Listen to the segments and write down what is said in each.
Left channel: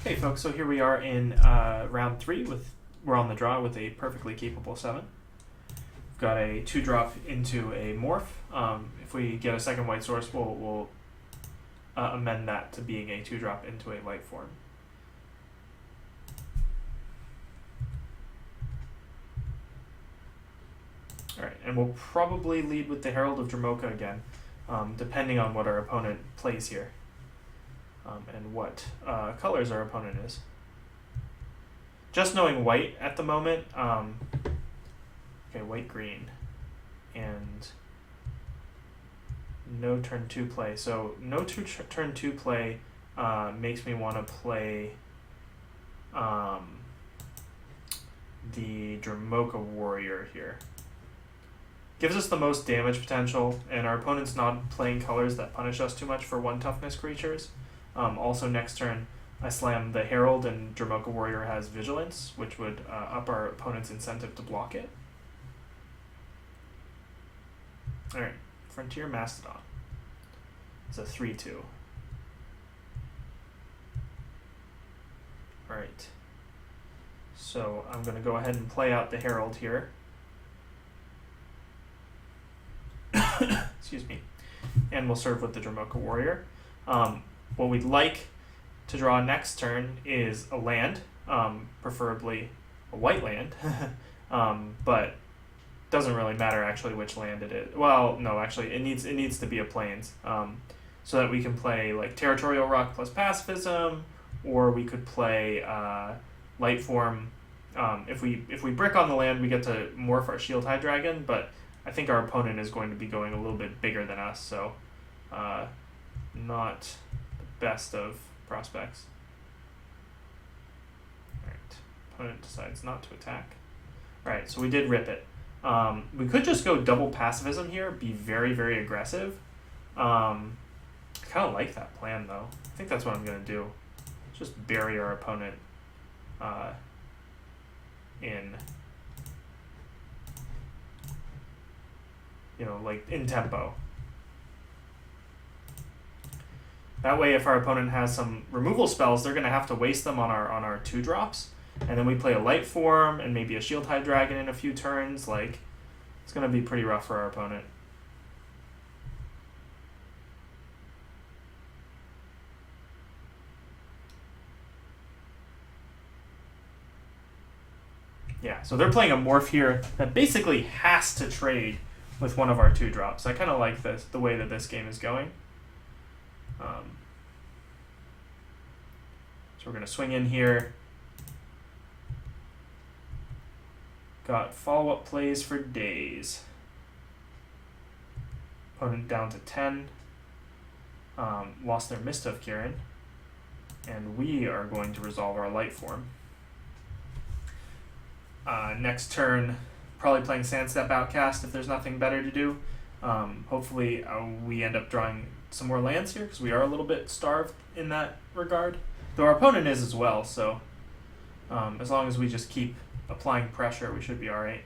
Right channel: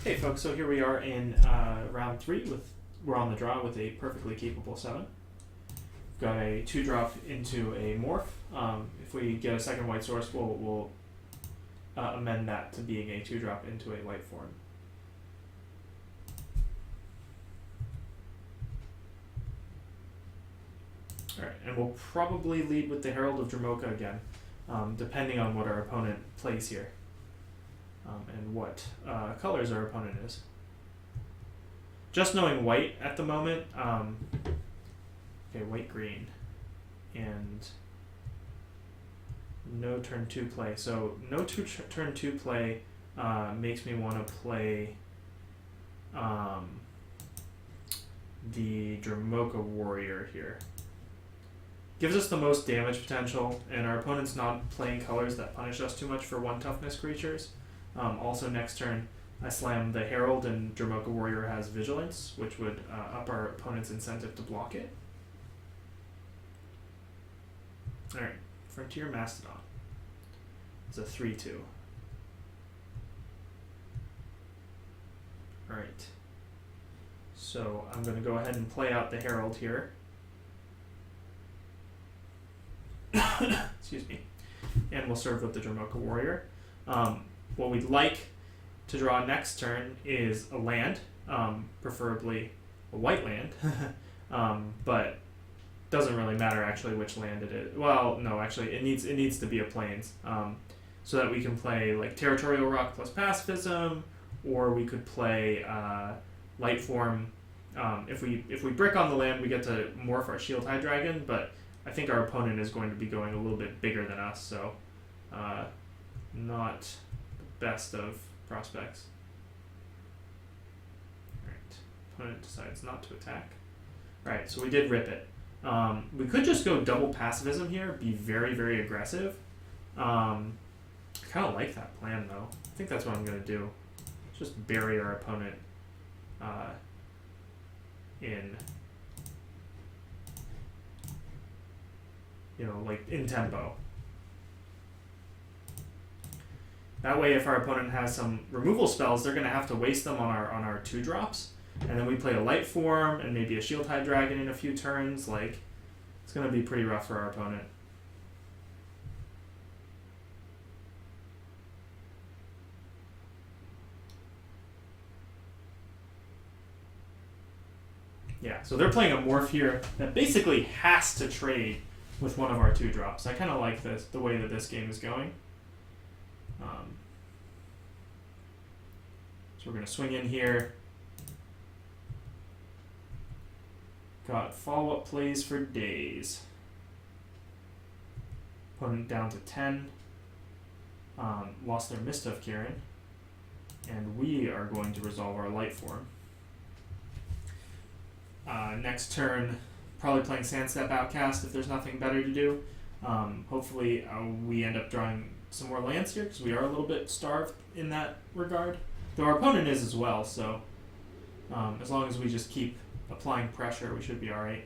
Okay, folks, so here we are in round 3 we're on the draw with a perfectly capable 7. We've got a 2-drop into a morph. If we get a second white source, we'll amend that to being a 2-drop into a light form. Alright, and we'll probably lead with the Herald of Dromoka again, depending on what our opponent plays here. And what colors our opponent is. Just knowing white at the moment, okay, white-green, and no turn 2 play. So no turn 2 play makes me want to play the Dromoka Warrior here. Gives us the most damage potential, and our opponent's not playing colors that punish us too much for 1 toughness creatures. Also next turn, I slam the Herald, and Dromoka Warrior has Vigilance, which would up our opponent's incentive to block it. Alright, Frontier Mastodon is a 3/2. Alright, so I'm going to go ahead and play out the Herald here. Excuse me. And we'll serve with the Dromoka Warrior. What we'd like to draw next turn is a land, preferably a white land, but doesn't really matter actually which land it is. Well, no, actually it needs to be a plains, so that we can play like Territorial Rock plus Pacifism, or we could play light form. If we brick on the land, we get to morph our Shield High Dragon, but I think our opponent is going to be going a little bit bigger than us, so not the best of prospects. Alright, opponent decides not to attack. Alright, so we did rip it. We could just go double pacifism here, be very, very aggressive. I kind of like that plan though. I think that's what I'm going to do. Just bury our opponent in, like in tempo. That way, if our opponent has some removal spells, they're going to have to waste them on our 2-drops, and then we play a light form and maybe a Shield High Dragon in a few turns. Like, it's going to be pretty rough for our opponent. Yeah, so they're playing a morph here that basically has to trade with one of our 2-drops. I kind of like the way that this game is going. So we're going to swing in here. Got follow-up plays for days. Opponent down to 10. Lost their Mist of Kirin. And we are going to resolve our light form. Next turn, probably playing Sandstep Outcast if there's nothing better to do. Hopefully we end up drawing some more lands here, because we are a little bit starved in that regard. Though our opponent is as well, so as long as we just keep applying pressure, we should be alright.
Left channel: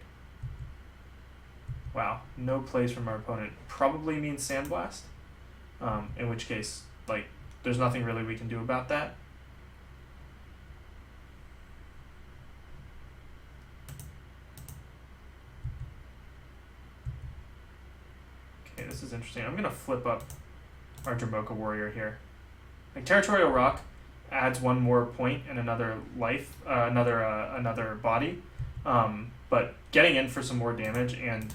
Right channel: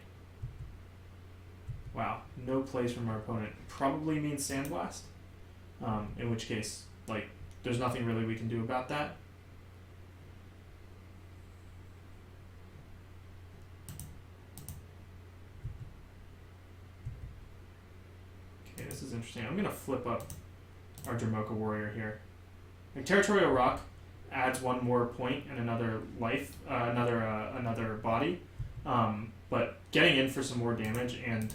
Wow, no plays from our opponent probably means Sandblast, in which case, like, there's nothing really we can do about that. Okay, this is interesting. I'm going to flip up our Dromoka Warrior here. Like, Territorial Rock adds 1 more point and another life, another body, but getting in for some more damage and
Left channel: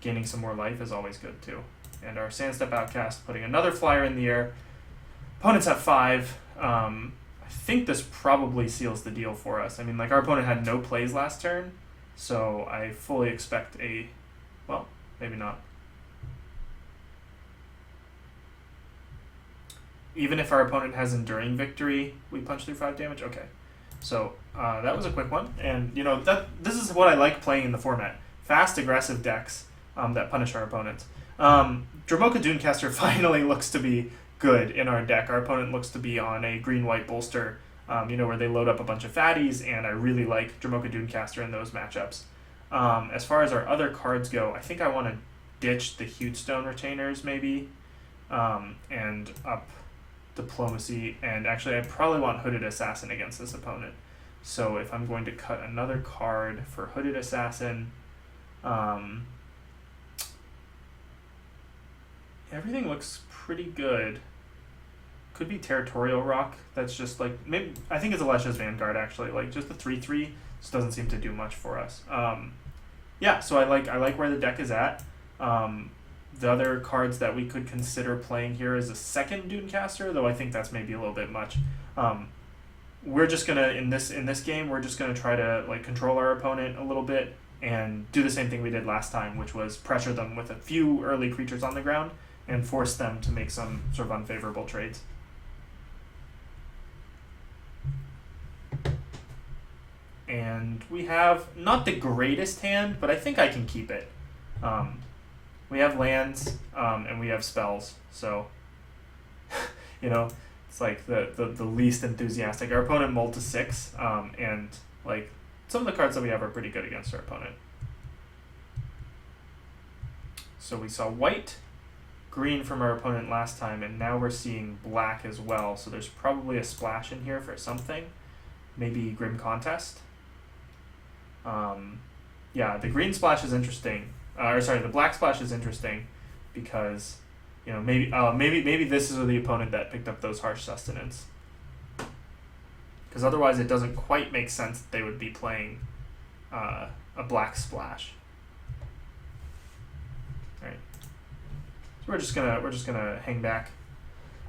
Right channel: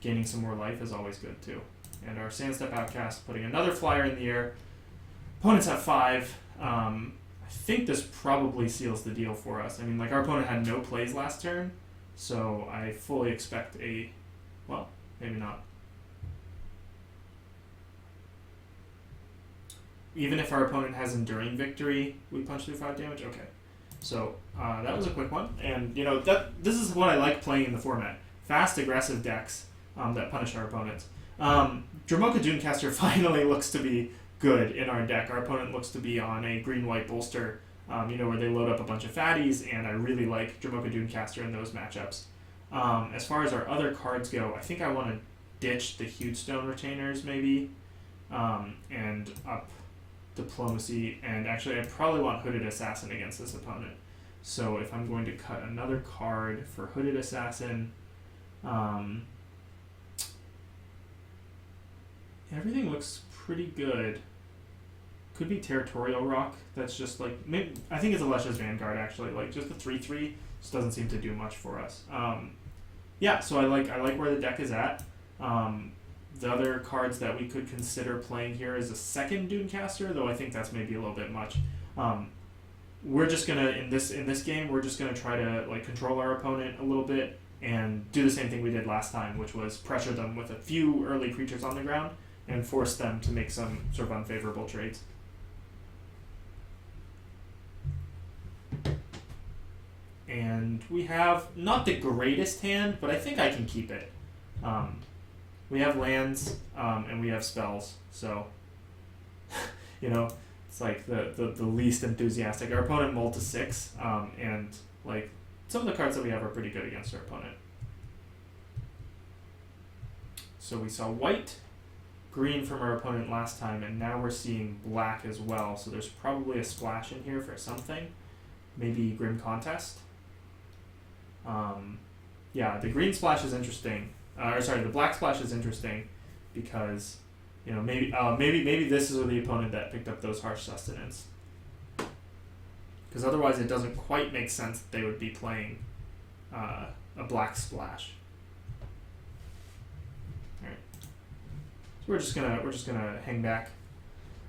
gaining some more life is always good too. And our Sandstep Outcast putting another flyer in the air. Opponents have 5. I think this probably seals the deal for us. I mean, like, our opponent had no plays last turn, so I fully expect a, well, maybe not. Even if our opponent has Enduring Victory, we punch through 5 damage? Okay. So, that was a quick one. And, this is what I like playing in the format. Fast, aggressive decks that punish our opponents. Dromoka Dunecaster finally looks to be good in our deck. Our opponent looks to be on a green-white bolster, where they load up a bunch of fatties, and I really like Dromoka Dunecaster in those matchups. As far as our other cards go, I think I want to ditch the Huge Stone Retainers, maybe, and up Diplomacy, and actually I probably want Hooded Assassin against this opponent. So if I'm going to cut another card for Hooded Assassin, everything looks pretty good. Could be Territorial Rock. That's just like, maybe, I think it's Alesha's Vanguard actually. Like just the 3/3 just doesn't seem to do much for us. Yeah, so I like where the deck is at. The other cards that we could consider playing here is a second Dunecaster, though I think that's maybe a little bit much. We're just gonna in this game we're just gonna try to like control our opponent a little bit and do the same thing we did last time, which was pressure them with a few early creatures on the ground and force them to make some sort of unfavorable trades. And we have not the greatest hand, but I think I can keep it. We have lands and we have spells, so you know, it's like the least enthusiastic. Our opponent mulled to 6, and like some of the cards that we have are pretty good against our opponent. So we saw white, green from our opponent last time, and now we're seeing black as well. So there's probably a splash in here for something, maybe Grim Contest. Yeah, the green splash is interesting. The black splash is interesting because, you know, maybe this is the opponent that picked up those Harsh Sustenance. Because otherwise it doesn't quite make sense that they would be playing a black splash. All right, so we're just gonna hang back.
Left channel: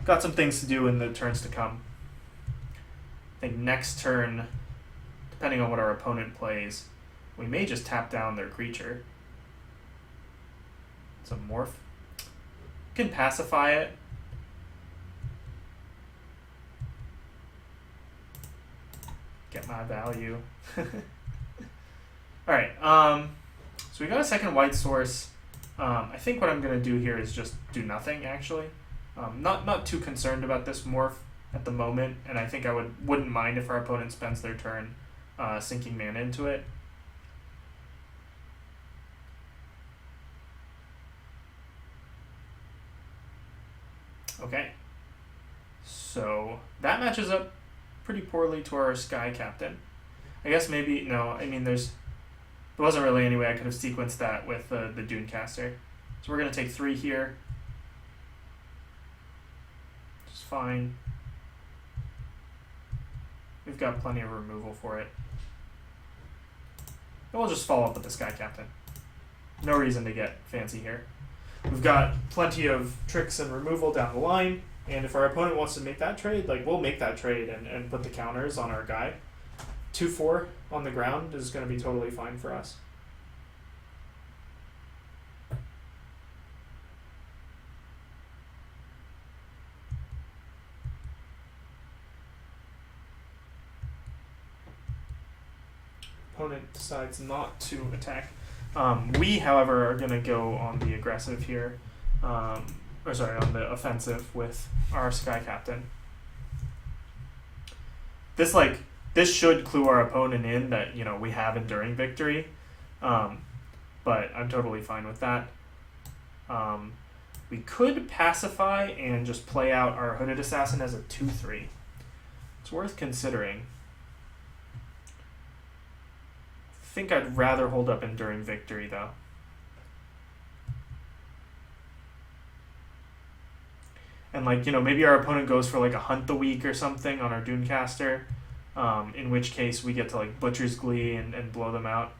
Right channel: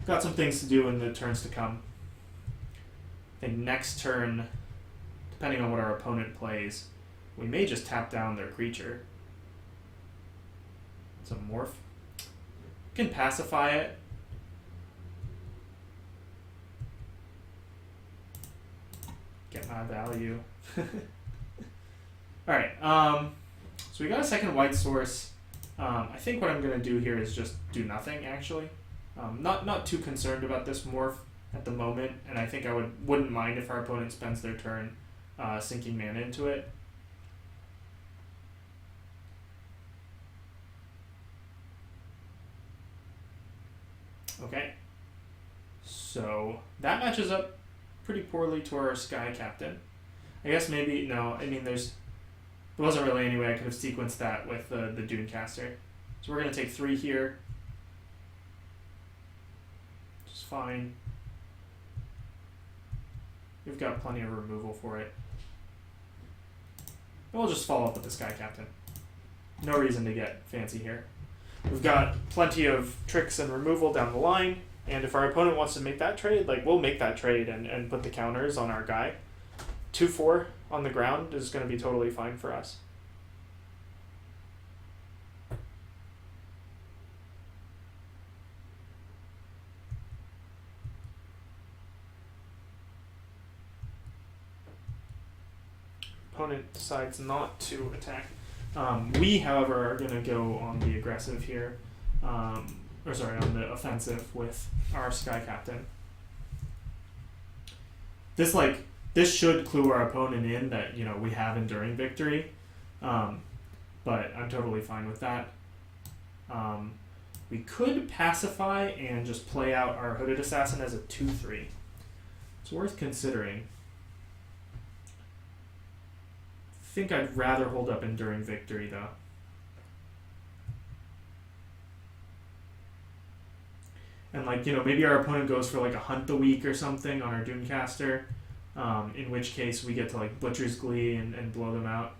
Got some things to do in the turns to come. I think next turn, depending on what our opponent plays, we may just tap down their creature. It's a morph. Can pacify it. Get my value. Alright, so we got a second white source. I think what I'm going to do here is just do nothing, actually. Not too concerned about this morph at the moment, and I think I wouldn't mind if our opponent spends their turn sinking mana into it. Okay, so that matches up pretty poorly to our Sky Captain. I guess maybe, no, I mean there wasn't really any way I could have sequenced that with the Dunecaster. So we're going to take 3 here, which is fine. We've got plenty of removal for it. And we'll just follow up with the Sky Captain. No reason to get fancy here. We've got plenty of tricks and removal down the line, and if our opponent wants to make that trade, like we'll make that trade and put the counters on our guy. 2/4 on the ground is going to be totally fine for us. Opponent decides not to attack. We, however, are going to go on the aggressive here, on the offensive with our Sky Captain. This should clue our opponent in that, you know, we have Enduring Victory, but I'm totally fine with that. We could pacify and just play out our Hooded Assassin as a 2/3. It's worth considering. I think I'd rather hold up Enduring Victory though. And like, you know, maybe our opponent goes for like a Hunt the Week or something on our Dunecaster, in which case we get to like Butcher's Glee and blow them out.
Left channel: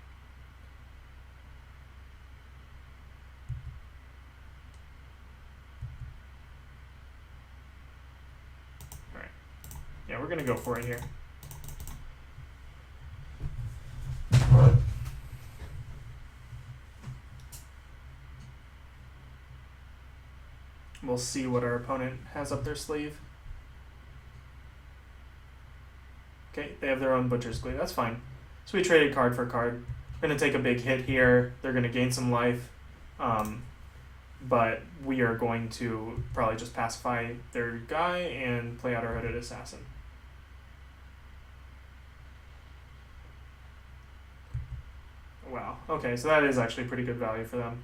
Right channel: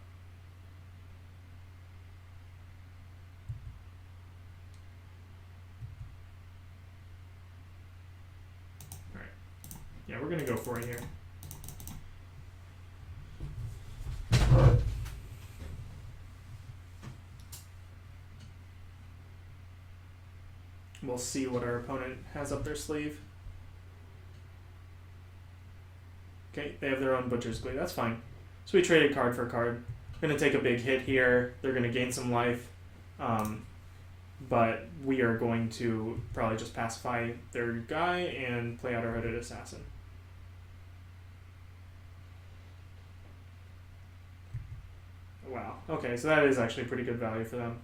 Alright. Yeah, we're gonna go for it here. We'll see what our opponent has up their sleeve. Okay, they have their own Butcher's Glee. That's fine. So we traded card for card. We're going to take a big hit here. They're going to gain some life. But we are going to probably just pacify their guy and play out our Hooded Assassin. Wow. Okay, so that is actually pretty good value for them.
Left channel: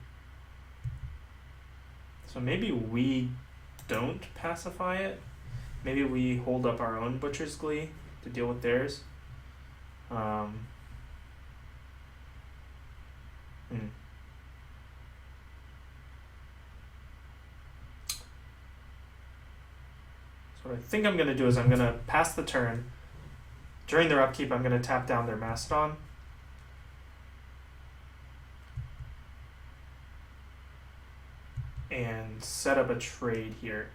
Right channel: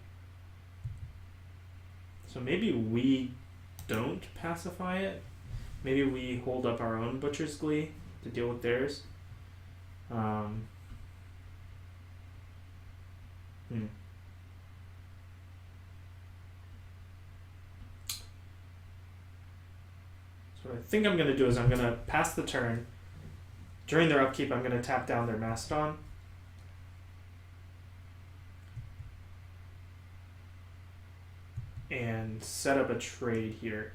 So maybe we don't pacify it. Maybe we hold up our own Butcher's Glee to deal with theirs. So what I think I'm going to do is I'm going to pass the turn. During their upkeep, I'm going to tap down their Mastodon. And set up a trade here.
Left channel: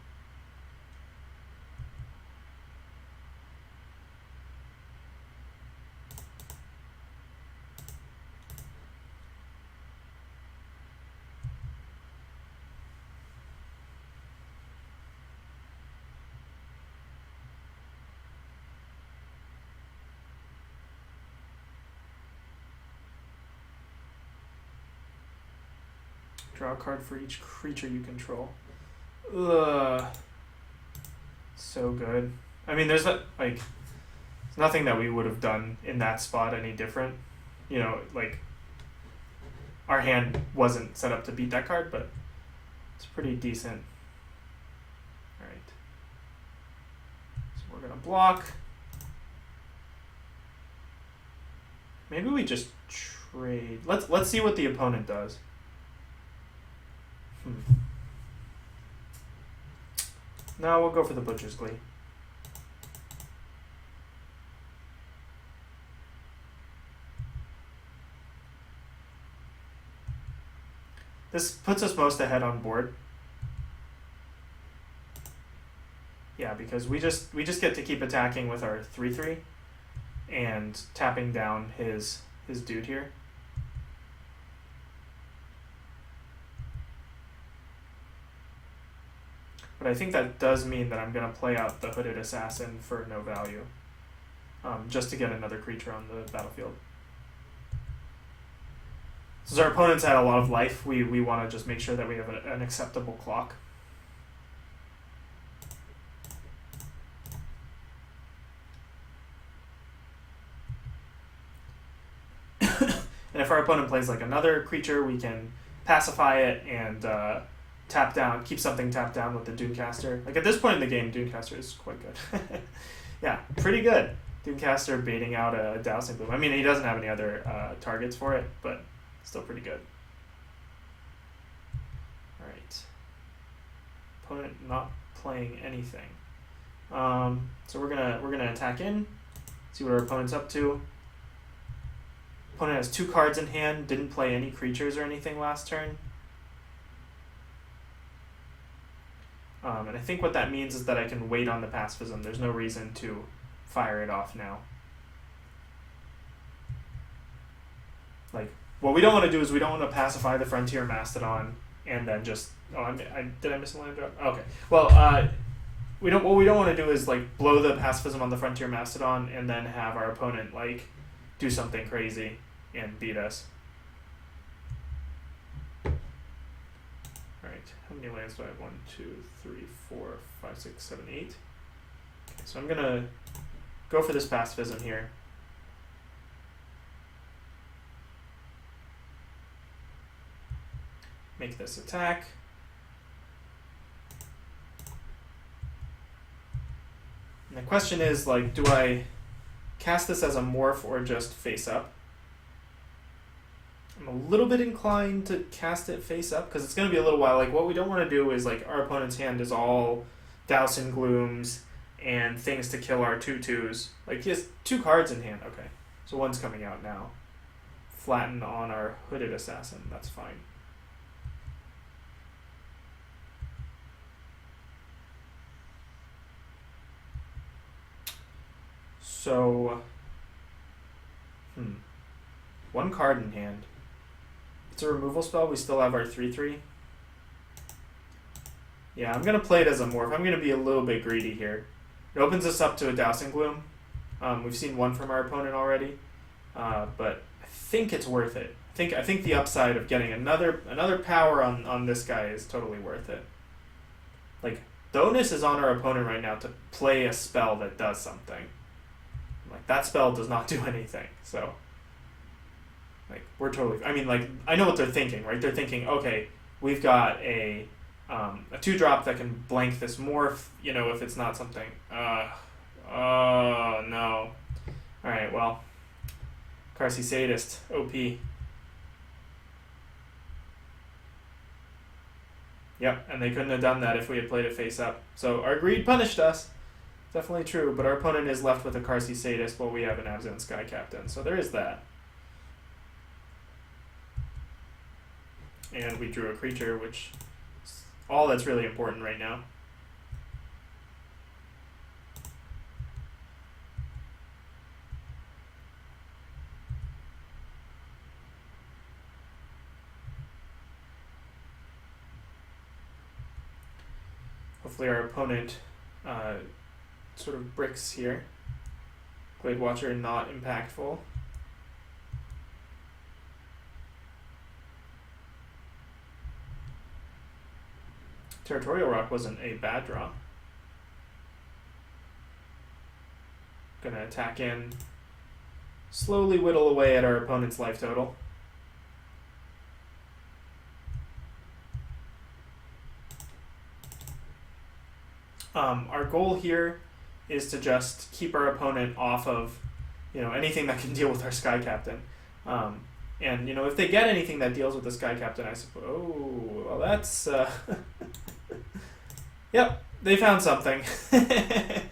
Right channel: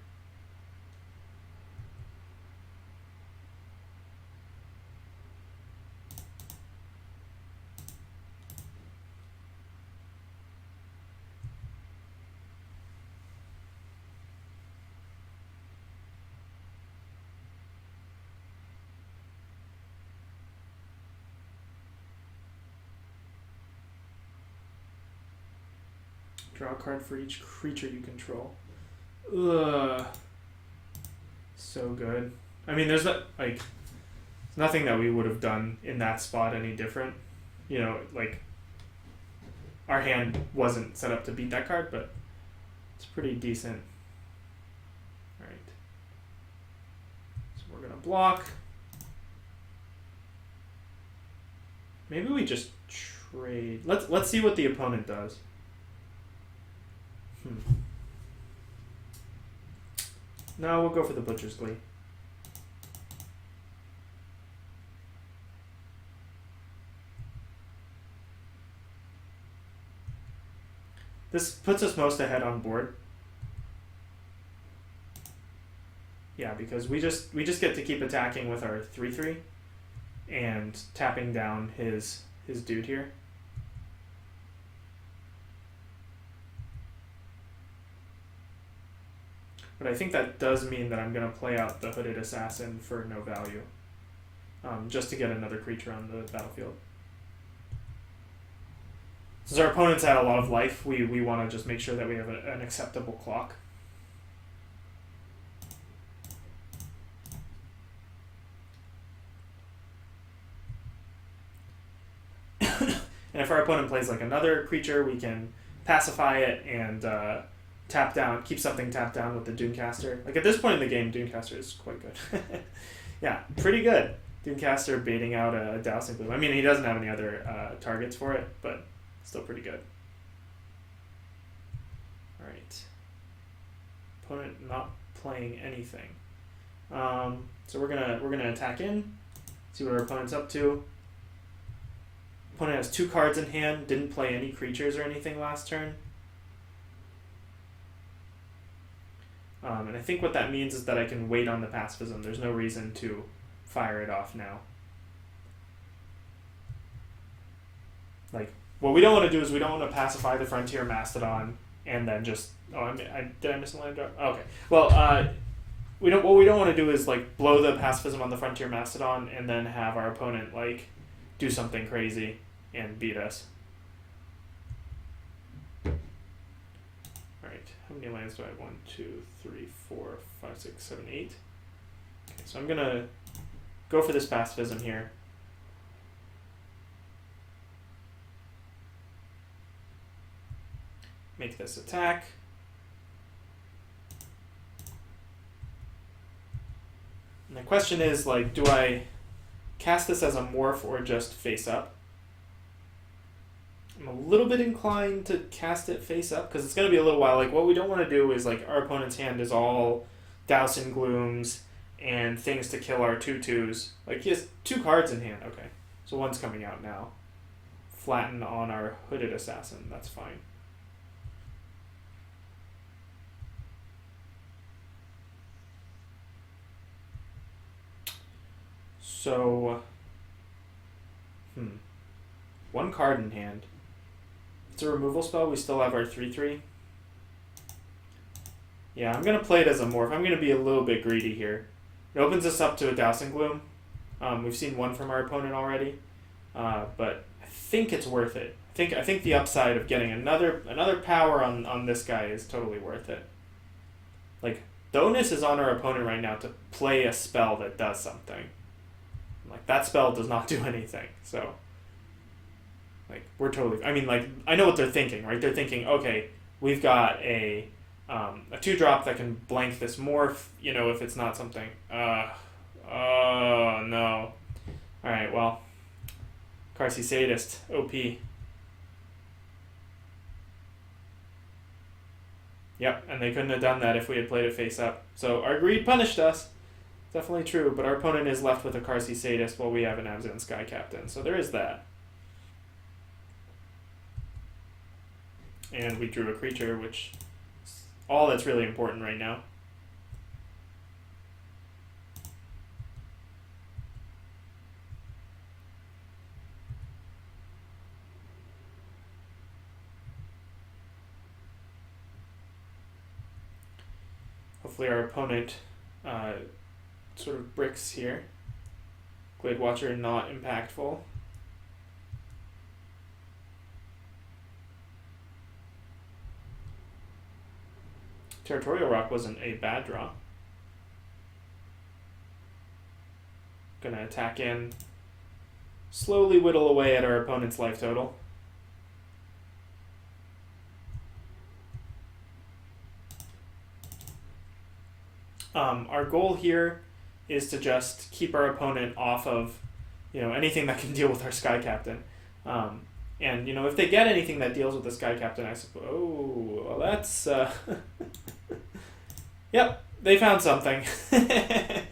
Draw a card for each creature you control. Ugh. So good. I mean, there's nothing that we would have done in that spot any different. You know, like, our hand wasn't set up to beat that card, but it's pretty decent. Alright. So we're gonna block. Maybe we just trade. Let's see what the opponent does. No, we'll go for the Butcher's Glee. This puts us most ahead on board. Yeah, because we just get to keep attacking with our 3/3 and tapping down his dude here. But I think that does mean that I'm going to play out the Hooded Assassin for no value, just to get another creature on the battlefield. Since our opponents had a lot of life, we want to just make sure that we have an acceptable clock. And if our opponent plays like another creature, we can pacify it and tap down, keep something tapped down with the Doomcaster. Like at this point in the game, Doomcaster is quite good. Yeah, pretty good. Doomcaster baiting out a Dowsing Bloom. I mean, he doesn't have any other targets for it, but still pretty good. All right. Opponent not playing anything. So we're gonna attack in, see what our opponent's up to. Opponent has 2 cards in hand. Didn't play any creatures or anything last turn. And I think what that means is that I can wait on the pacifism. There's no reason to fire it off now. Like, what we don't want to do is we don't want to pacify the Frontier Mastodon and then just... Oh, did I miss a land drop? Oh, okay. Well, what we don't want to do is like blow the pacifism on the Frontier Mastodon and then have our opponent like do something crazy and beat us. Alright, how many lands do I have? 1, 2, 3, 4, 5, 6, 7, 8. Okay, so I'm gonna go for this pacifism here. Make this attack. And the question is, like, do I cast this as a morph or just face up? I'm a little bit inclined to cast it face up because it's going to be a little while. Like, what we don't want to do is, like, our opponent's hand is all Dowsing Glooms and things to kill our 2/2s. Like, he has 2 cards in hand. Okay, so one's coming out now. Flatten on our Hooded Assassin. That's fine. So, 1 card in hand. It's a removal spell. We still have our 3/3. Yeah, I'm going to play it as a morph. I'm going to be a little bit greedy here. It opens us up to a Dowsing Gloom. We've seen one from our opponent already, but I think it's worth it. I think the upside of getting another power on this guy is totally worth it. Like, the onus is on our opponent right now to play a spell that does something. Like, that spell does not do anything, so... Like, we're totally... I mean, like, I know what they're thinking, right? They're thinking, okay, we've got a a 2-drop that can blank this morph, you know, if it's not something. Oh, no. Alright, well. Carsey Sadist, OP. Yep, and they couldn't have done that if we had played it face up. So our greed punished us. Definitely true, but our opponent is left with a Carsey Sadist while we have an Abzan Sky Captain. So there is that. And we drew a creature, which is all that's really important right now. Hopefully our opponent sort of bricks here. Glade Watcher not impactful. Territorial Rock wasn't a bad draw. Gonna attack in, slowly whittle away at our opponent's life total. Our goal here is to just keep our opponent off of, you know, anything that can deal with our Sky Captain. And, you know, if they get anything that deals with the Sky Captain, I suppose, oh, well, that's, yep, they found something. Yeah,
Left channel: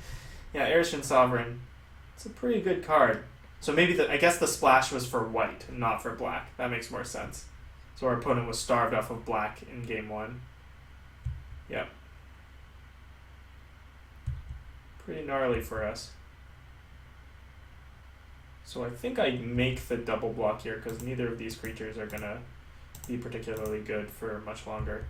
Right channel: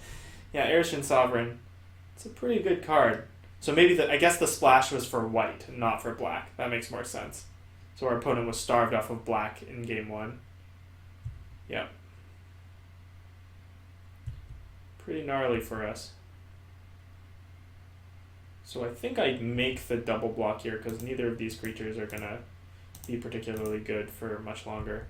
Erishin Sovereign. It's a pretty good card. So maybe, I guess the splash was for white, not for black. That makes more sense. So our opponent was starved off of black in game 1. Yep. Pretty gnarly for us. So I think I make the double block here because neither of these creatures are going to be particularly good for much longer.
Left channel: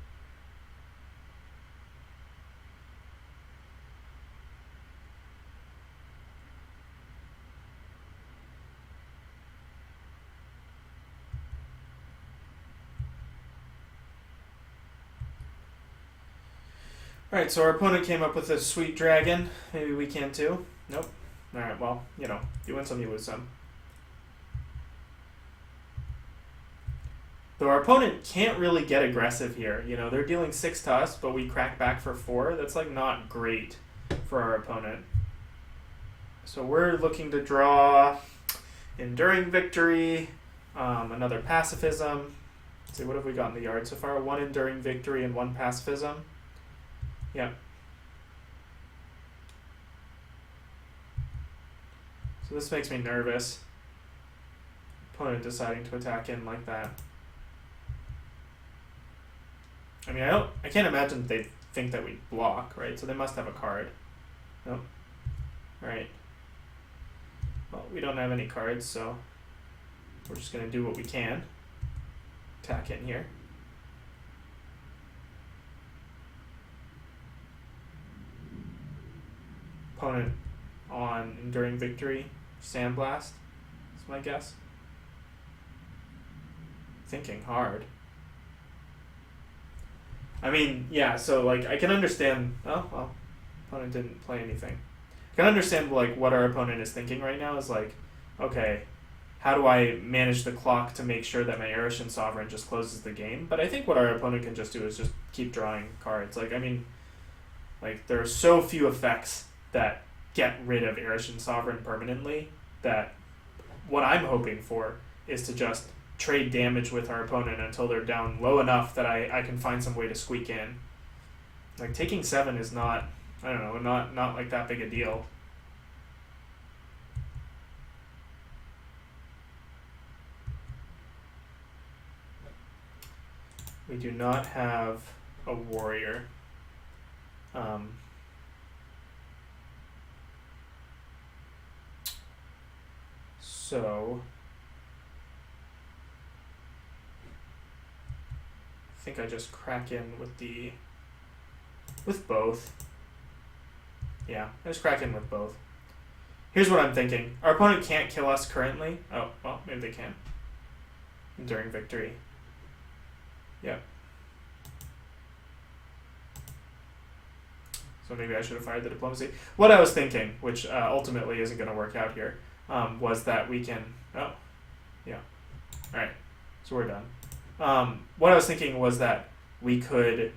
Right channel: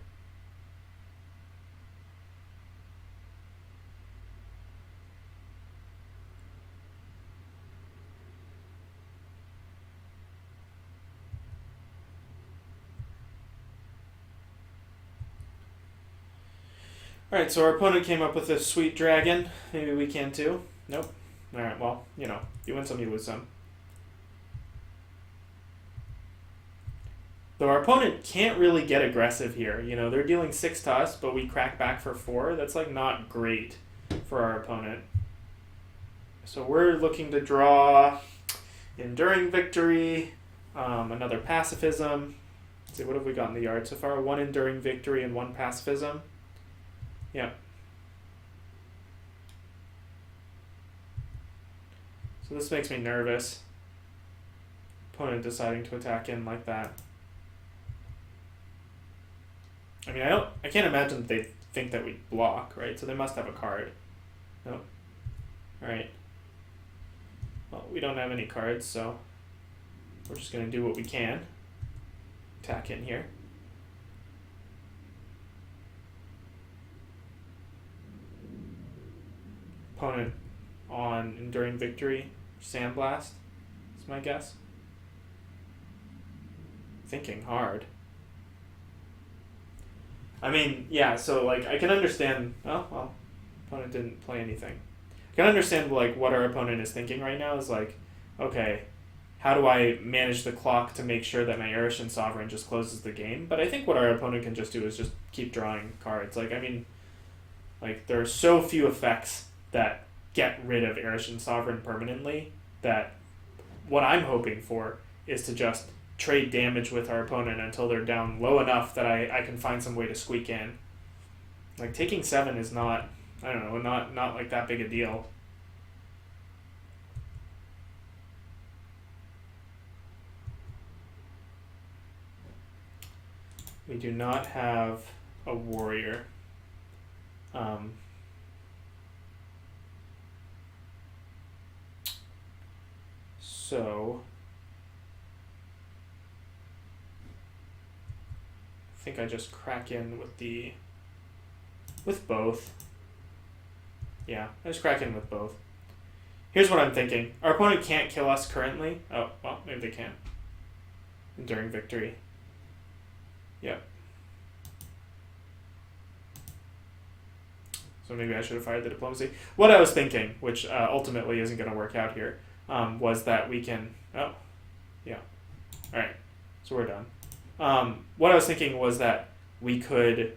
Alright, so our opponent came up with a sweet dragon. Maybe we can too. Nope. Alright, well, you know, you win some, you lose some. Though our opponent can't really get aggressive here. You know, they're dealing 6 to us, but we crack back for 4. That's, like, not great for our opponent. So we're looking to draw Enduring Victory, another Pacifism. Let's see, what have we got in the yard so far? 1 Enduring Victory and 1 Pacifism. Yeah. So this makes me nervous. Opponent deciding to attack in like that. I mean, I can't imagine that they think that we block, right? So they must have a card. Nope. Alright. Well, we don't have any cards, so we're just gonna do what we can. Attack in here. Opponent on Enduring Victory, Sandblast, is my guess. Thinking hard. I mean, yeah, so, like, I can understand, oh, well, opponent didn't play anything. I can understand, like, what our opponent is thinking right now is, like, okay, how do I manage the clock to make sure that my Erishin Sovereign just closes the game? But I think what our opponent can just do is just keep drawing cards. Like, I mean, like, there are so few effects that get rid of Erishin Sovereign permanently that what I'm hoping for is to just trade damage with our opponent until they're down low enough that I can find some way to squeak in. Like, taking 7 is not, I don't know, not like that big a deal. We do not have a warrior. So I think I just crack in with both. Yeah, I just crack in with both. Here's what I'm thinking. Our opponent can't kill us currently. Oh, well, maybe they can. Enduring Victory. Yeah. So maybe I should have fired the Diplomacy. What I was thinking, which ultimately isn't going to work out here, was that we can... Oh, yeah. Alright, so we're done. What I was thinking was that we could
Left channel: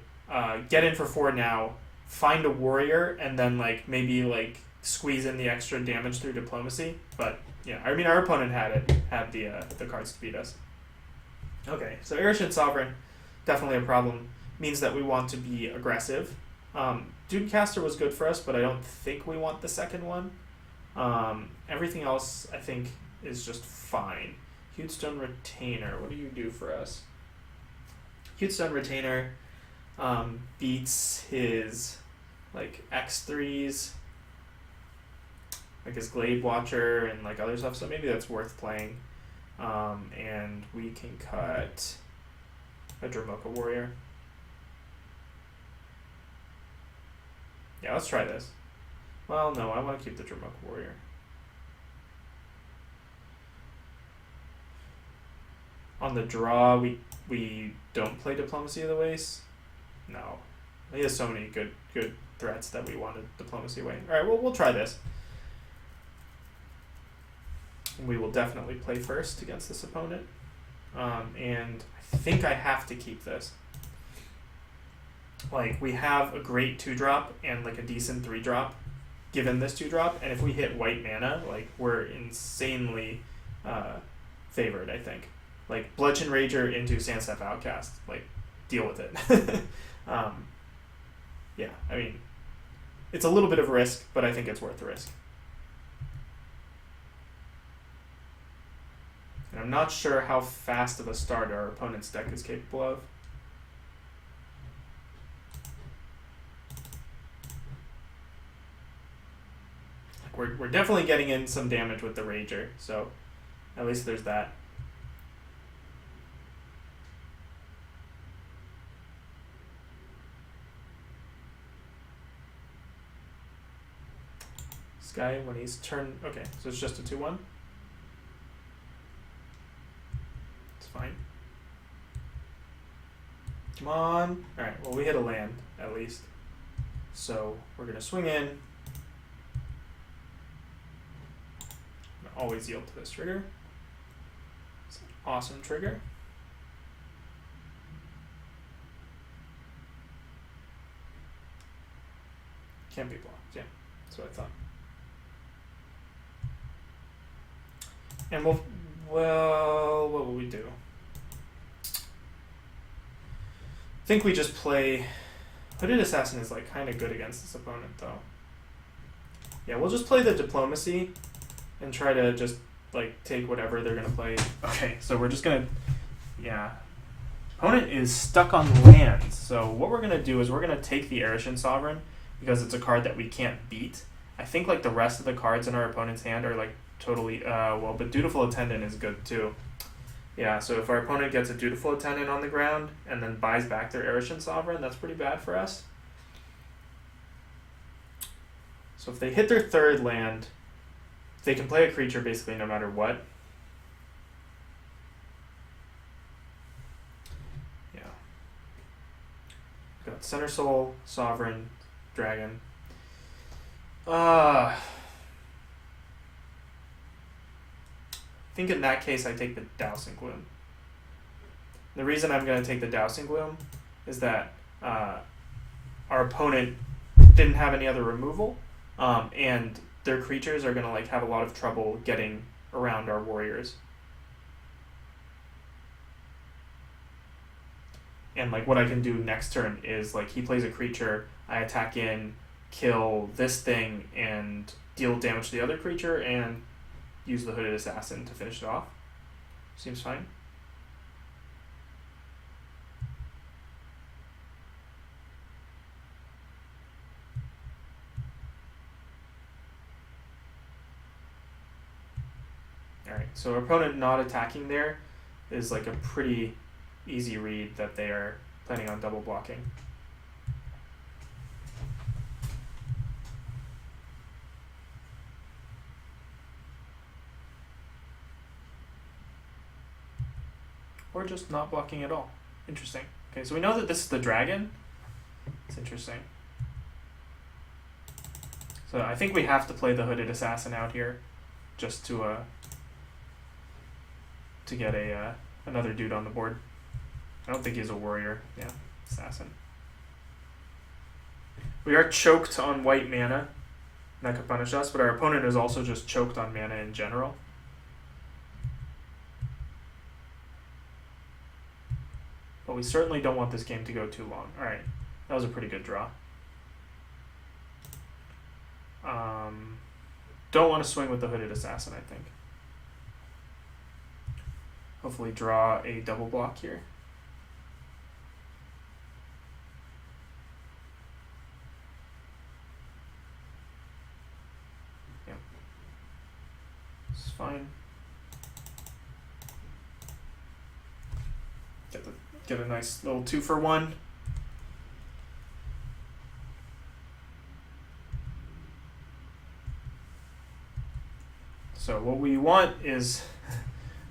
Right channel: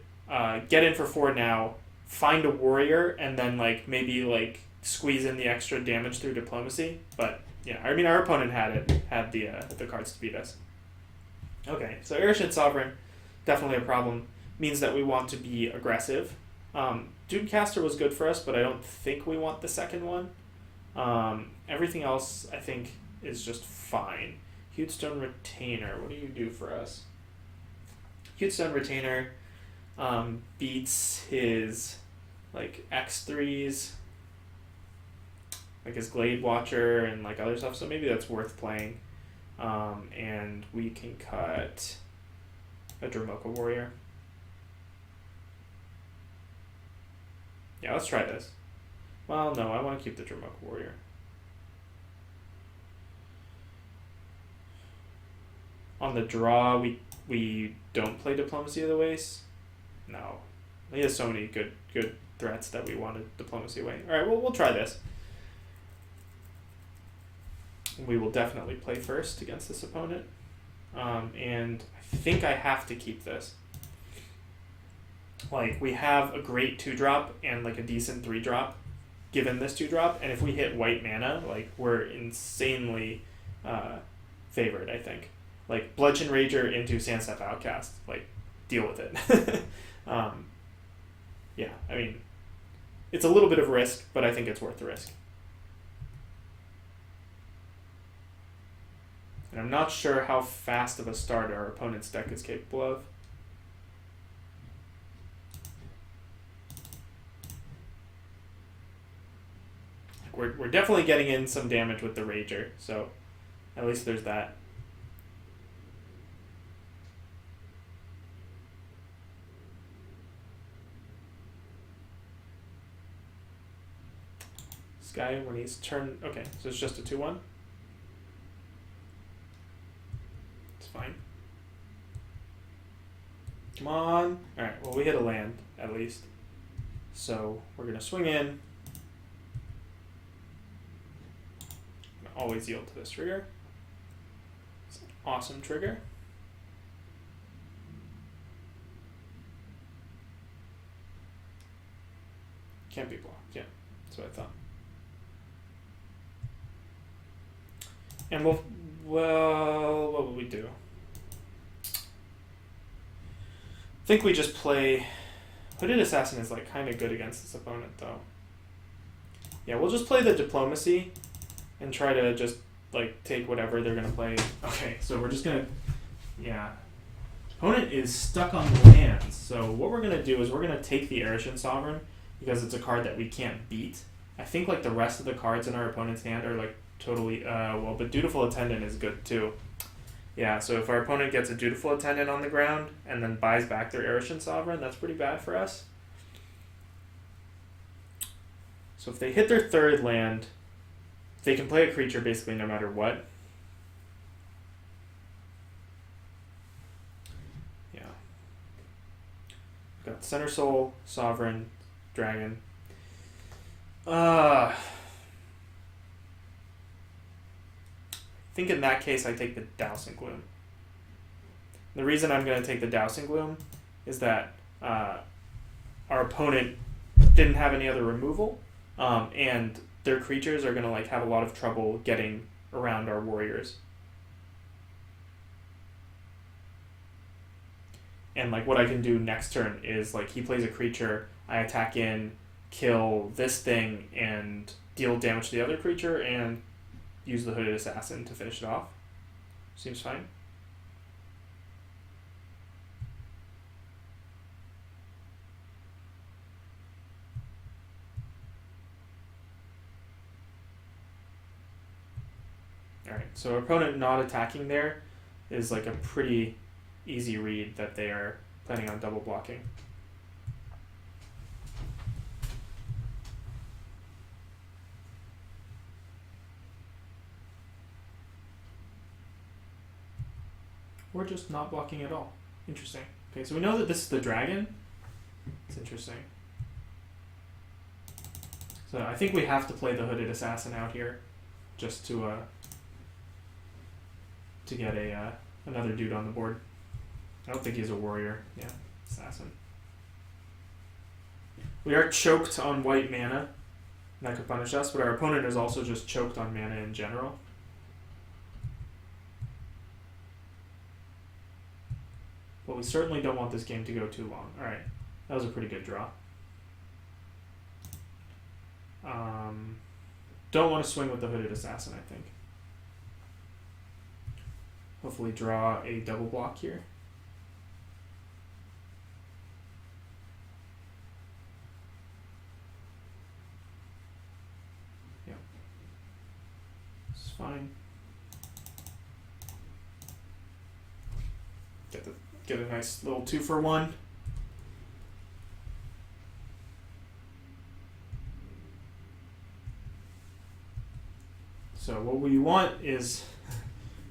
get in for 4 now, find a warrior, and then like maybe like squeeze in the extra damage through diplomacy. But yeah, I mean our opponent had the cards to beat us. Okay, so Airship Sovereign, definitely a problem. Means that we want to be aggressive. Dudecaster was good for us, but I don't think we want the second one. Everything else I think is just fine. Hewstone Retainer, what do you do for us? Hewstone Retainer beats his like X3s, like his Glade Watcher and like other stuff, so maybe that's worth playing. And we can cut a Dromoka Warrior. Yeah, let's try this. Well, no, I want to keep the Dromoka Warrior. On the draw, we don't play Diplomacy of the Waste. No, he has so many good threats that we wanted Diplomacy away. All right, well we'll try this. We will definitely play first against this opponent, and I think I have to keep this. Like we have a great 2-drop and like a decent 3-drop, given this 2-drop, and if we hit white mana, like we're insanely favored. I think. Like Bludgeon Rager into Sandstep Outcast, like deal with it. Yeah, I mean, it's a little bit of risk, but I think it's worth the risk. And I'm not sure how fast of a start our opponent's deck is capable of. Like we're definitely getting in some damage with the Rager, so at least there's that. This guy, when he's turned... Okay, so it's just a 2-1. It's fine. Come on. Alright, well we hit a land, at least. So we're going to swing in. I'm gonna always yield to this trigger. It's an awesome trigger. Can't be blocked, yeah. That's what I thought. And well, what will we do? I think we just play... Hooded Assassin is like kind of good against this opponent, though. Yeah, we'll just play the Diplomacy and try to just like take whatever they're gonna play. Okay, so we're just gonna... Yeah. Opponent is stuck on lands, so what we're gonna do is we're gonna take the Arishan Sovereign because it's a card that we can't beat. I think like the rest of the cards in our opponent's hand are like totally, well, but Dutiful Attendant is good too. Yeah, so if our opponent gets a Dutiful Attendant on the ground and then buys back their Arishan Sovereign, that's pretty bad for us. So if they hit their 3rd land, they can play a creature basically no matter what. Yeah. Got Center Soul, Sovereign, Dragon. I think in that case I take the Dousing Gloom. The reason I'm going to take the Dousing Gloom is that our opponent didn't have any other removal, and their creatures are going to like have a lot of trouble getting around our warriors. And like what I can do next turn is like he plays a creature, I attack in, kill this thing, and deal damage to the other creature, and use the Hooded Assassin to finish it off. Seems fine. Alright, so our opponent not attacking there is like a pretty easy read that they are planning on double blocking. Or just not blocking at all. Interesting. Okay, so we know that this is the dragon. It's interesting. So I think we have to play the Hooded Assassin out here just to get a another dude on the board. I don't think he's a warrior. Yeah, assassin. We are choked on white mana. That could punish us, but our opponent is also just choked on mana in general. But we certainly don't want this game to go too long. Alright, that was a pretty good draw. Don't want to swing with the Hooded Assassin, I think. Hopefully draw a double block here. Yeah. It's fine. Get a nice little 2-for-1. So what we want is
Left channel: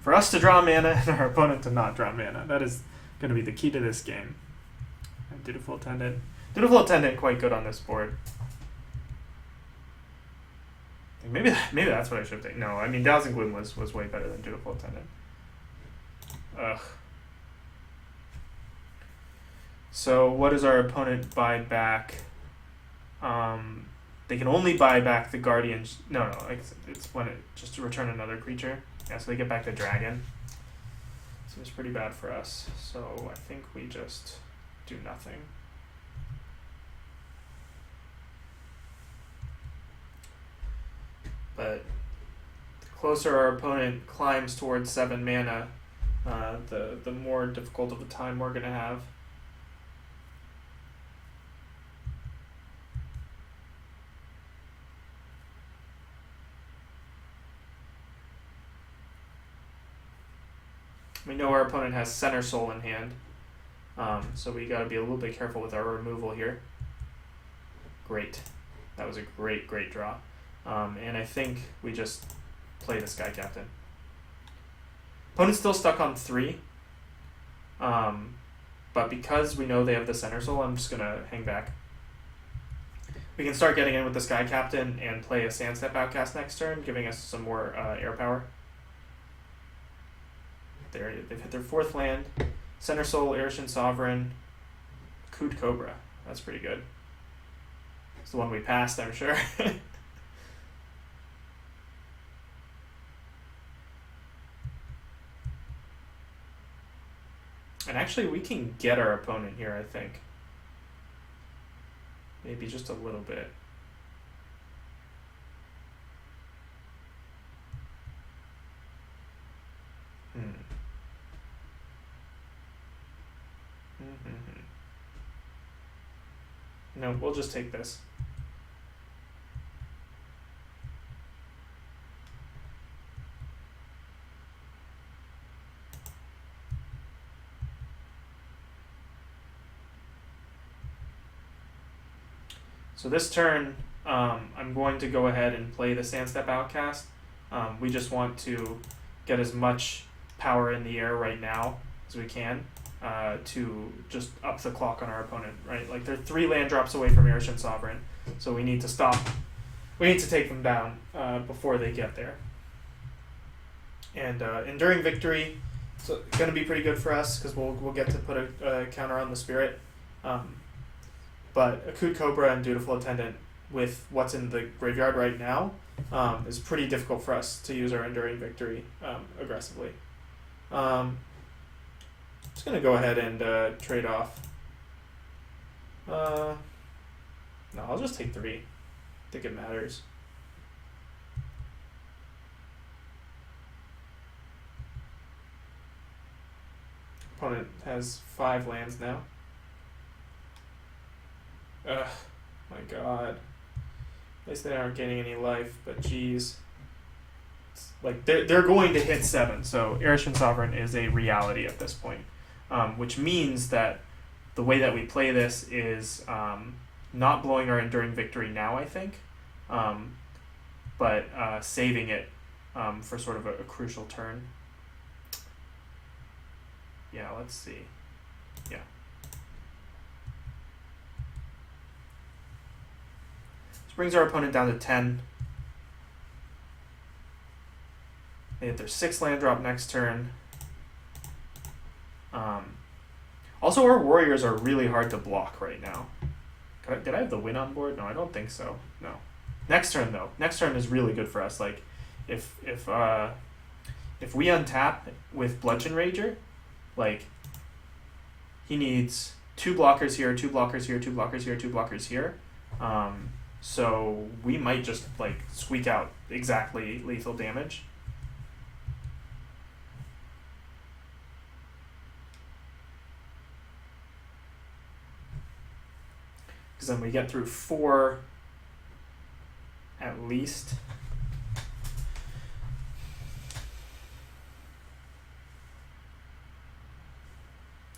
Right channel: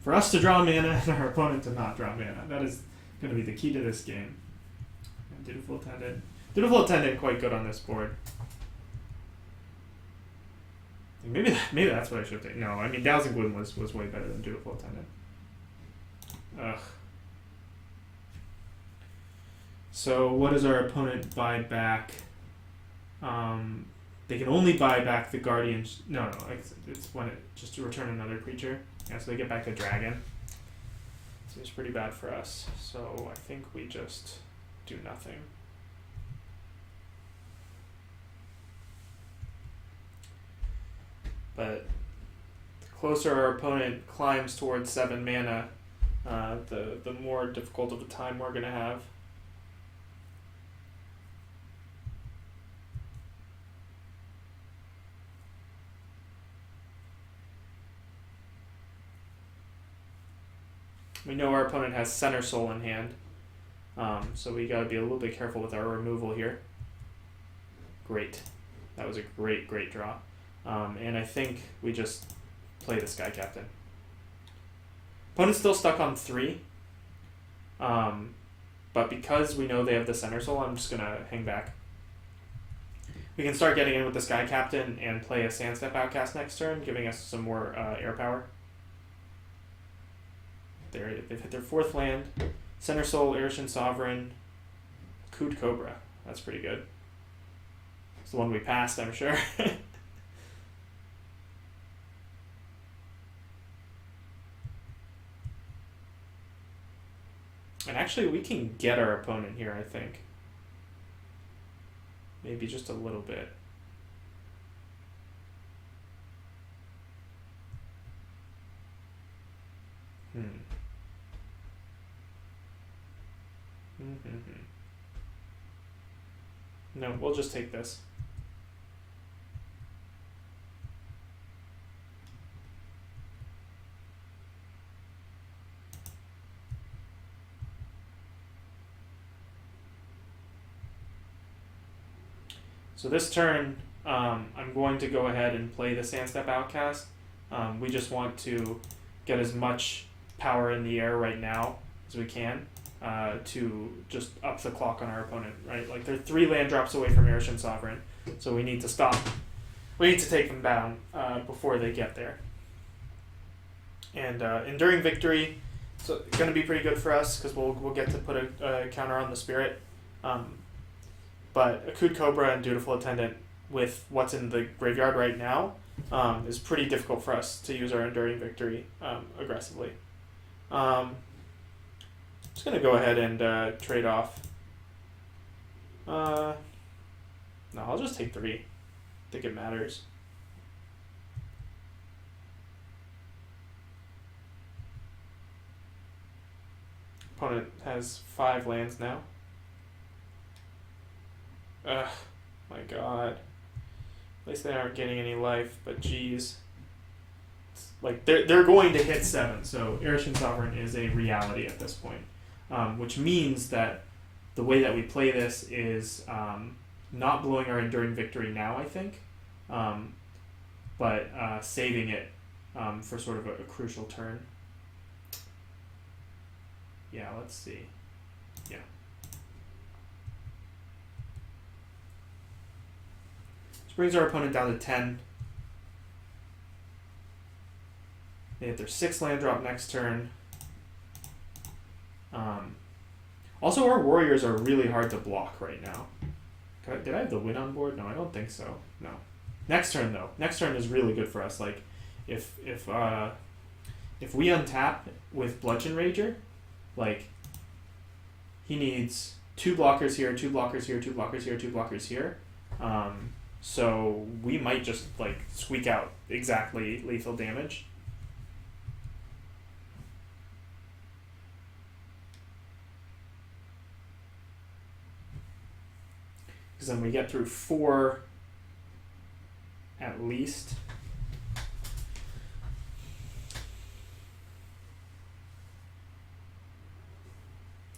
for us to draw mana and our opponent to not draw mana. That is going to be the key to this game. And Dutiful Attendant. Dutiful Attendant quite good on this board. Maybe that's what I should take. No, I mean Dowsing Gloom was way better than Dutiful Attendant. Ugh. So what does our opponent buy back? They can only buy back the Guardian. No, it's when it just to return another creature. Yeah, so they get back the Dragon. Seems pretty bad for us. So I think we just do nothing. But the closer our opponent climbs towards 7 mana, the more difficult of a time we're gonna have. We know our opponent has Center Soul in hand, so we got to be a little bit careful with our removal here. Great. That was a great draw. And I think we just play the Sky Captain. Opponent's still stuck on 3, but because we know they have the Center Soul, I'm just going to hang back. We can start getting in with the Sky Captain and play a Sandstep Outcast next turn, giving us some more air power. They've hit their 4th land. Center Soul, Irishan Sovereign, Coot Cobra. That's pretty good. It's the one we passed, I'm sure. And actually, we can get our opponent here, I think. Maybe just a little bit. No, we'll just take this. So this turn, I'm going to go ahead and play the Sandstep Outcast. We just want to get as much power in the air right now as we can to just up the clock on our opponent, right? Like they're 3 land drops away from Irishan Sovereign, so we need to stop. We need to take them down before they get there. And Enduring Victory, so it's going to be pretty good for us because we'll get to put a counter on the Spirit. But Akut Cobra and Dutiful Attendant with what's in the graveyard right now is pretty difficult for us to use our Enduring Victory aggressively. Just going to go ahead and trade off. No, I'll just take 3. I think it matters. Opponent has 5 lands now. Ugh, my god. At least they aren't getting any life, but geez. Like, they're going to hit 7, so Irishan Sovereign is a reality at this point. Which means that the way that we play this is not blowing our Enduring Victory now, I think, but saving it for sort of a crucial turn. Yeah, let's see. Yeah. This brings our opponent down to 10. They hit their 6 land drop next turn. Also, our warriors are really hard to block right now Did I have the win on board? No, I don't think so. No. Next turn though. Next turn is really good for us. Like, if we untap with Bludgeon Rager, like, he needs 2 blockers here, 2 blockers here, 2 blockers here, 2 blockers here. So we might just like squeak out exactly lethal damage. Because then we get through 4 at least.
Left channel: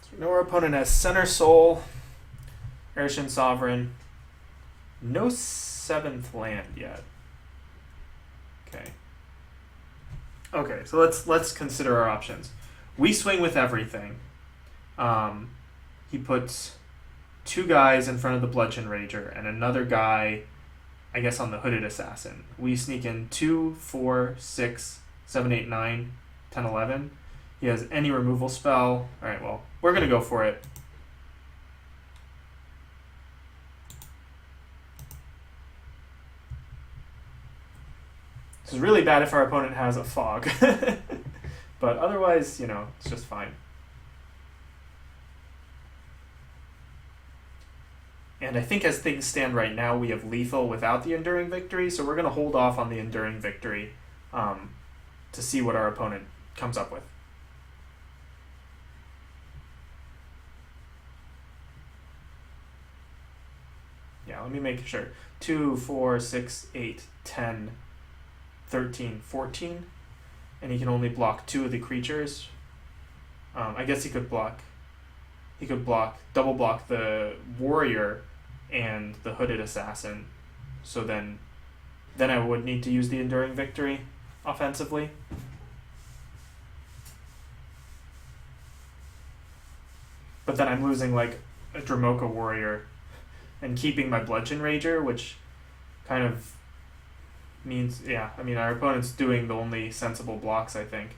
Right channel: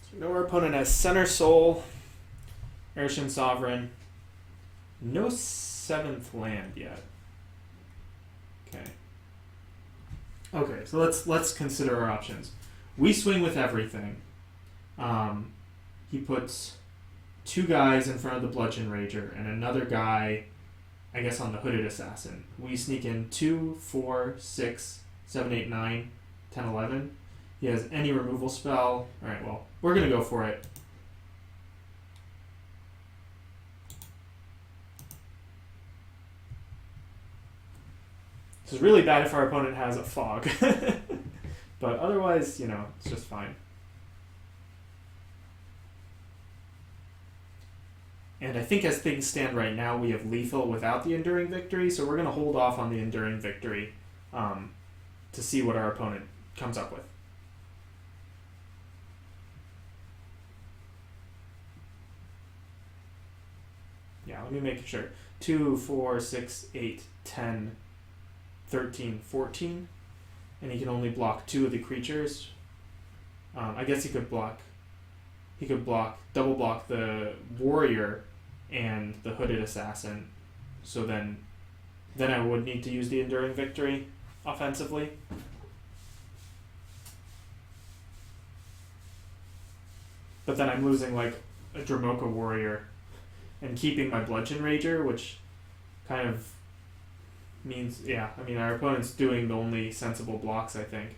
So we know our opponent has Center Soul, Arishan Sovereign, no 7th land yet. Okay. Okay, so let's consider our options. We swing with everything. He puts 2 guys in front of the Bludgeon Rager and another guy, I guess, on the Hooded Assassin. We sneak in 2, 4, 6, 7, 8, 9, 10, 11. He has any removal spell. Alright, well, we're going to go for it. This is really bad if our opponent has a fog. But otherwise, you know, it's just fine. And I think as things stand right now, we have lethal without the Enduring Victory, so we're going to hold off on the Enduring Victory to see what our opponent comes up with. Yeah, let me make sure. 2, 4, 6, 8, 10, 13, 14. And he can only block 2 of the creatures. I guess he could double block the warrior and the Hooded Assassin. So then I would need to use the Enduring Victory offensively. But then I'm losing like a Dromoka warrior and keeping my Bludgeon Rager, which kind of means, yeah, I mean, our opponent's doing the only sensible blocks, I think.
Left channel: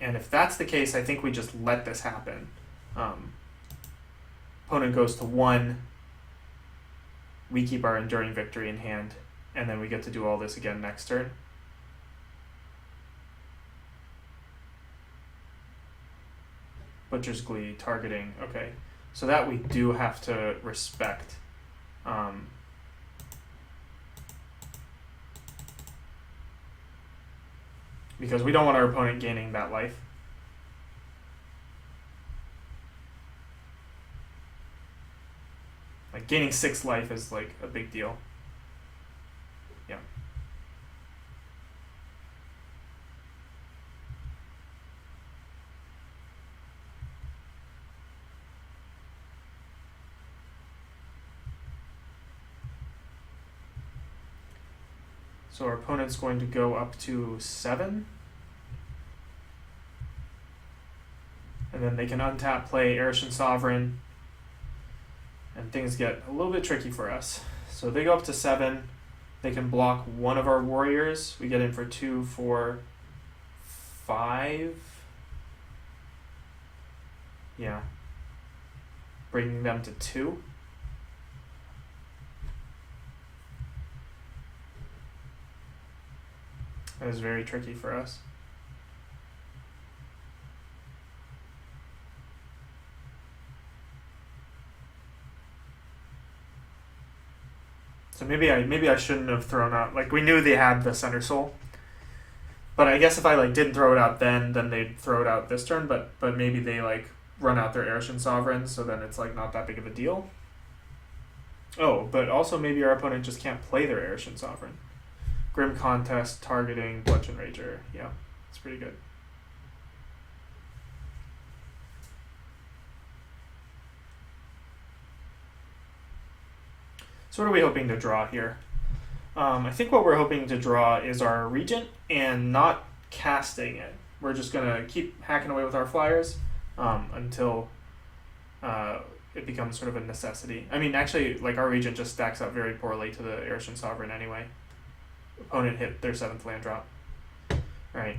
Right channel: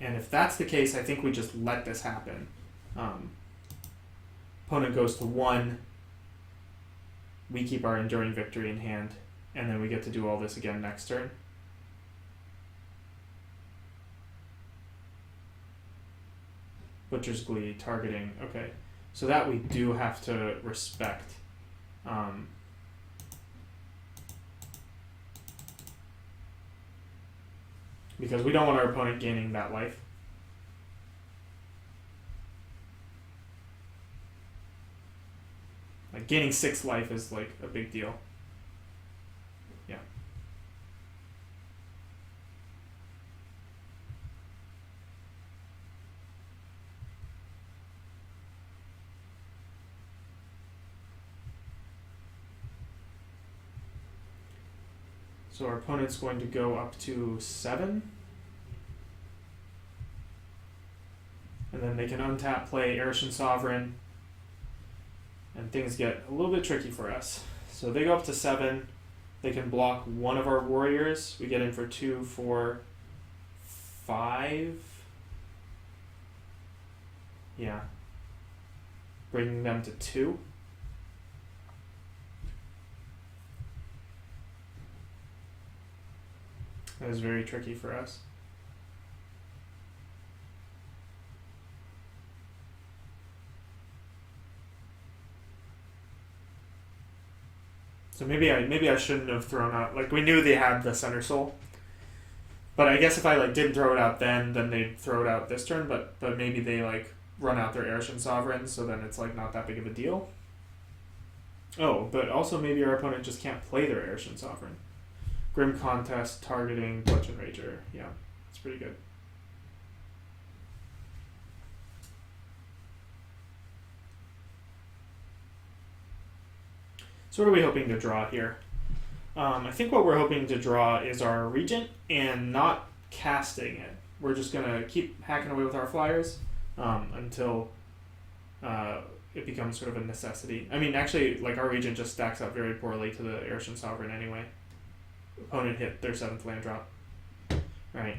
And if that's the case, I think we just let this happen. Opponent goes to 1. We keep our Enduring Victory in hand, and then we get to do all this again next turn. Butcher's Glee, targeting, okay. So that we do have to respect. Because we don't want our opponent gaining that life. Like, gaining 6 life is like a big deal. Yeah. So our opponent's going to go up to 7. And then they can untap, play Arishan Sovereign, and things get a little bit tricky for us. So they go up to 7. They can block 1 of our warriors. We get in for 2, 4, 5. Yeah. Bringing them to 2. That is very tricky for us. So maybe I shouldn't have thrown out, like, we knew they had the Center Soul, but I guess if I like didn't throw it out then they'd throw it out this turn, but maybe they like run out their Arishan Sovereign, so then it's like not that big of a deal. Oh, but also maybe our opponent just can't play their Arishan Sovereign. Grim Contest, targeting, Bludgeon Rager. Yeah, it's pretty good. So what are we hoping to draw here? I think what we're hoping to draw is our Regent and not casting it. We're just going to keep hacking away with our flyers until it becomes sort of a necessity. I mean, actually, like, our Regent just stacks up very poorly to the Arishan Sovereign anyway. Opponent hit their 7th land drop. Right.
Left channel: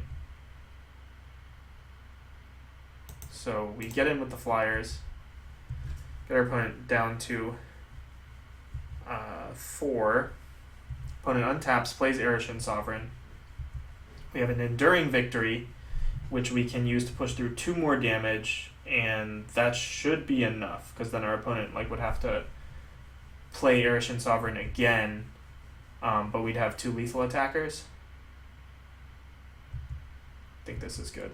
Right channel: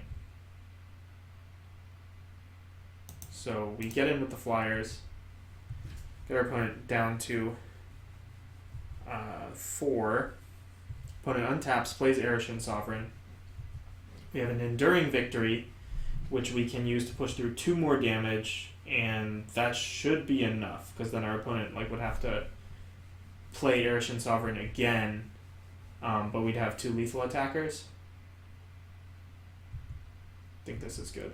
So we get in with the flyers. Get our opponent down to 4. Opponent untaps, plays Arishin Sovereign. We have an Enduring Victory, which we can use to push through 2 more damage, and that should be enough, because then our opponent would have to play Arishin Sovereign again, but we'd have 2 lethal attackers. I think this is good.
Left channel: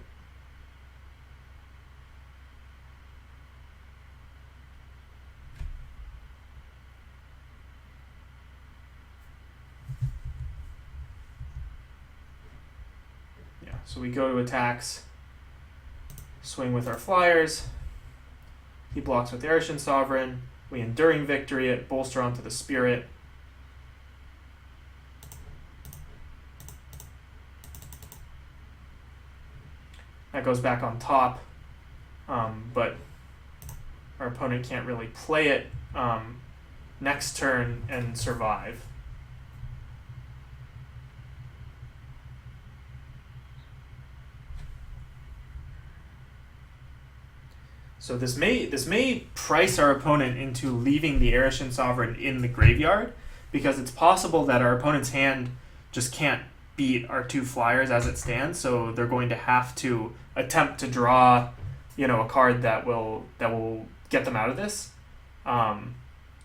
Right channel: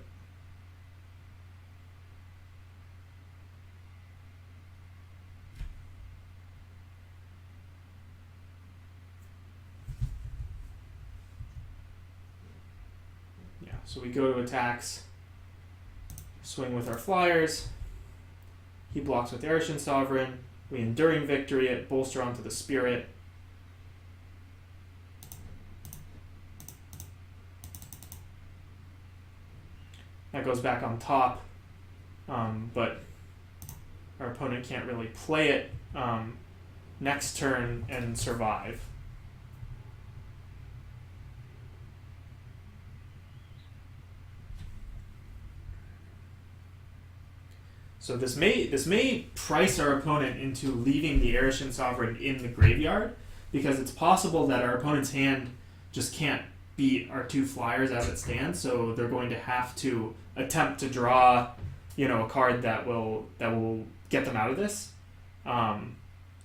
So we go to attacks, swing with our flyers. He blocks with Arishin Sovereign. We Enduring Victory it, bolster onto the Spirit. That goes back on top, but our opponent can't really play it next turn and survive. So this may price our opponent into leaving the Arishin Sovereign in the graveyard, because it's possible that our opponent's hand just can't beat our 2 flyers as it stands, so they're going to have to attempt to draw, a card that will get them out of this,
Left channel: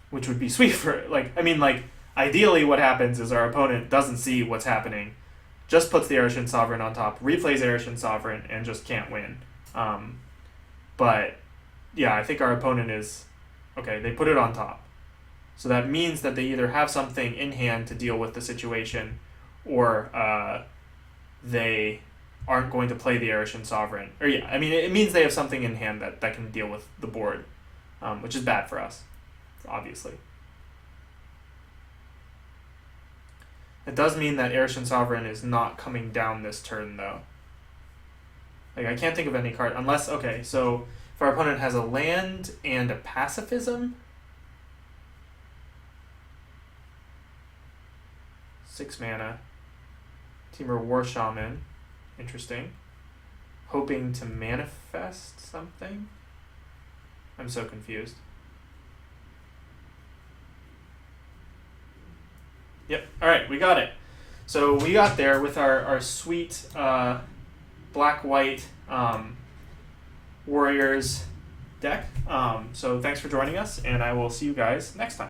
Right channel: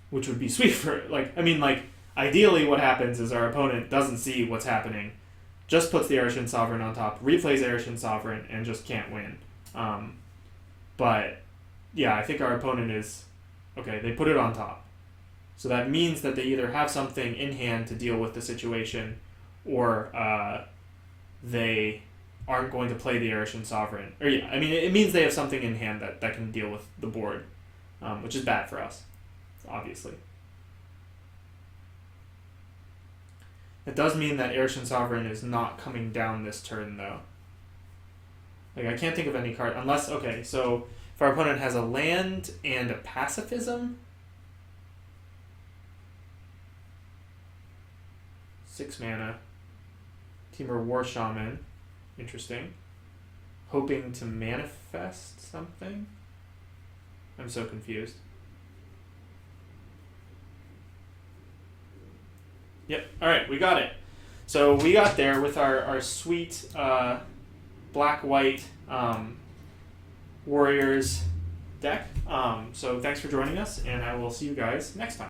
which would be sweet for ideally what happens is our opponent doesn't see what's happening, just puts the Arishin Sovereign on top, replays Arishin Sovereign, and just can't win. But yeah, I think our opponent is okay. They put it on top, so that means that they either have something in hand to deal with the situation, or they aren't going to play the Arishin Sovereign. Or yeah, it means they have something in hand that can deal with the board, which is bad for us, obviously. It does mean that Arishin Sovereign is not coming down this turn, though. I can't think of any card unless, okay, so if our opponent has a land and a pacifism, 6 mana, Temur War Shaman, interesting. Hoping to manifest something? I'm so confused. Yep, alright, we got it. So we got there with our sweet black-white Warriors deck. So thanks for joining us, and I will see you guys next time.